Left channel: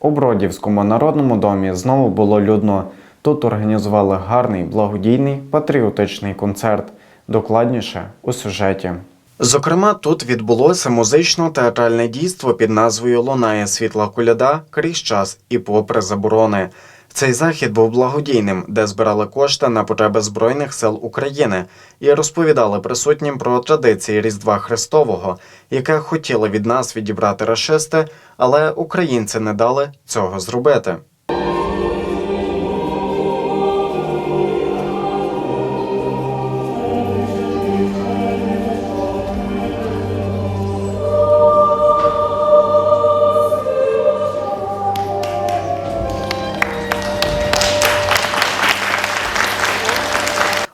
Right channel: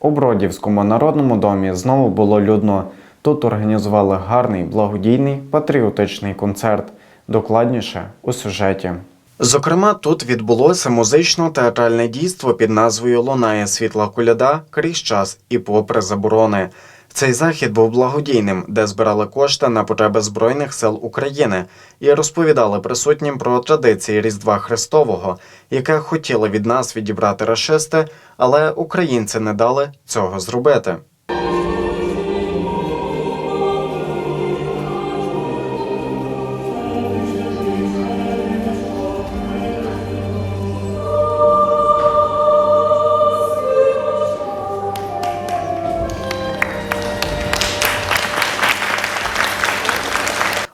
У Бродівському народному домі знову було людно. Тут організували гарний благодійний патріотичний концерт. Докладніше у сюжеті. Зокрема, тут відбулося музично-театральне дійство під назвою Лунає світла коляда крізь час і попри заборони. Цей захід був благодійним, де збирали кошти на потреби Збройних сил України і розповідали присутнім про традиції Різдва Христового, яке хотіли від нас відібрати рашисти, але українці не дали цього зробити.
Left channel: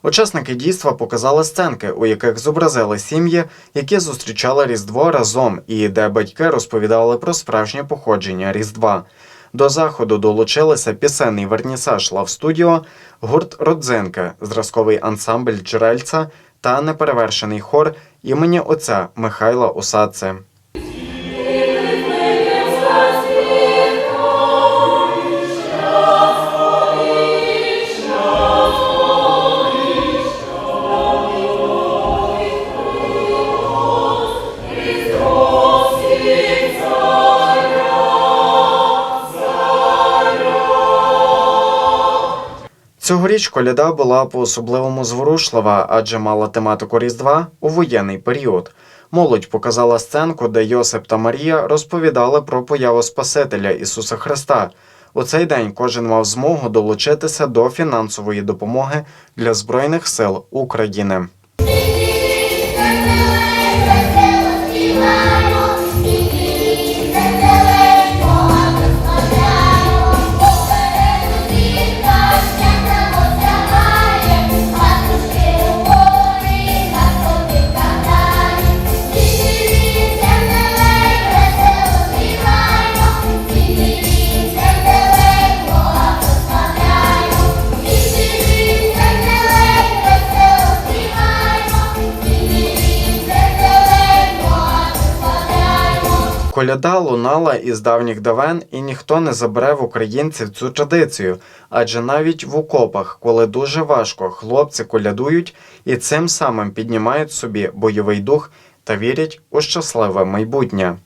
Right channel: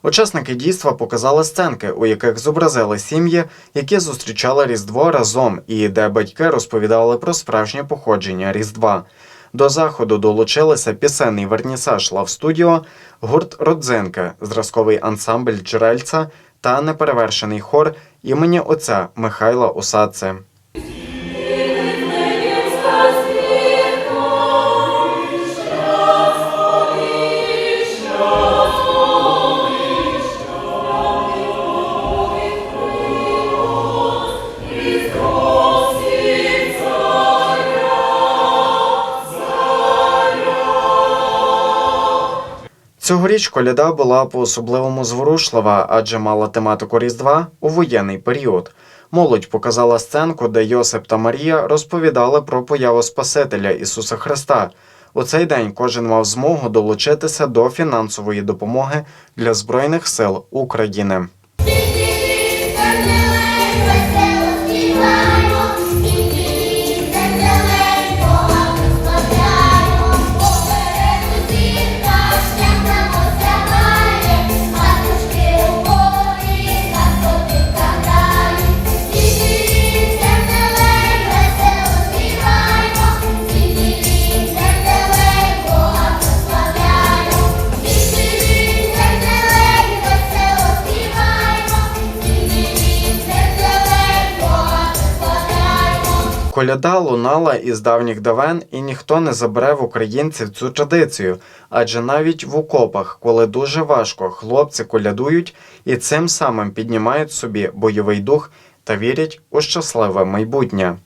Учасники дійства показали сценки, у яких зобразили сім'ї, які зустрічали Різдво разом, і де батьки розповідали про справжнє походження Різдва. До заходу долучилися пісенний вернісаж Лав Студіо, гурт Родзинки, зразковий ансамбль Джерельця та неперевершений хор імені отця Михайла Осадце. Цьогоріч коляда була по-особливому зворушлива, адже мала тематику Різдва у воєнний період. Молодь показала сценку, де Йосип та Марія розповідали про появу Спасителя Ісуса Христа. У цей день кожен мав змогу долучитися до фінансової допомоги для Збройних сил України. Коляда лунала із давніх давен, і ніхто не забере в українців цю традицію. Адже навіть в окопах, коли дуже важко, хлопці колядують і цим самим піднімають собі бойовий дух та вірять у щасливе майбутнє.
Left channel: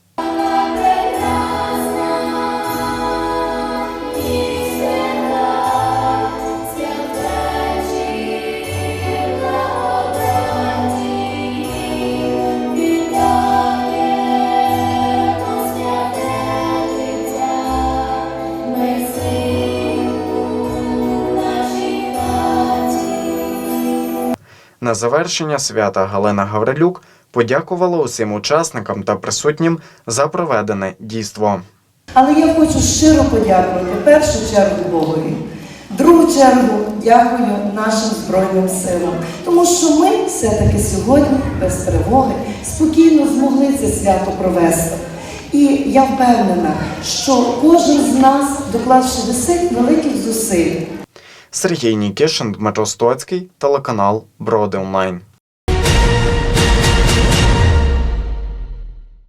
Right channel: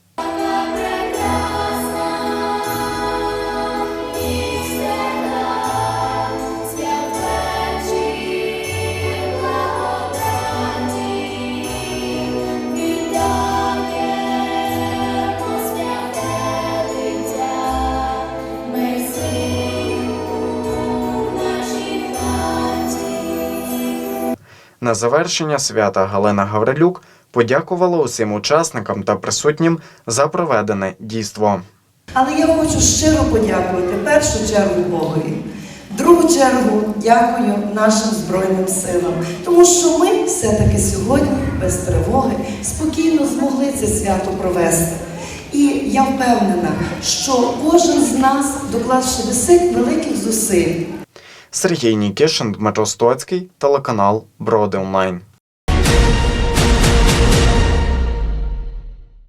На завершення свята Галина Гаврилюк подякувала усім учасникам та присутнім за проведене дійство. Але я хочу щиро подякувати першу чергу Богові. Другу чергу дякую нашим Збройним силам, тому що ми все-таки сьогодні без тривоги спокійно змогли це свято провести. І я впевнена, що кожен з нас, доклавши досить великих зусиль, Сергій Нікішин, Дмитро Стоцький, телеканал Броди Онлайн.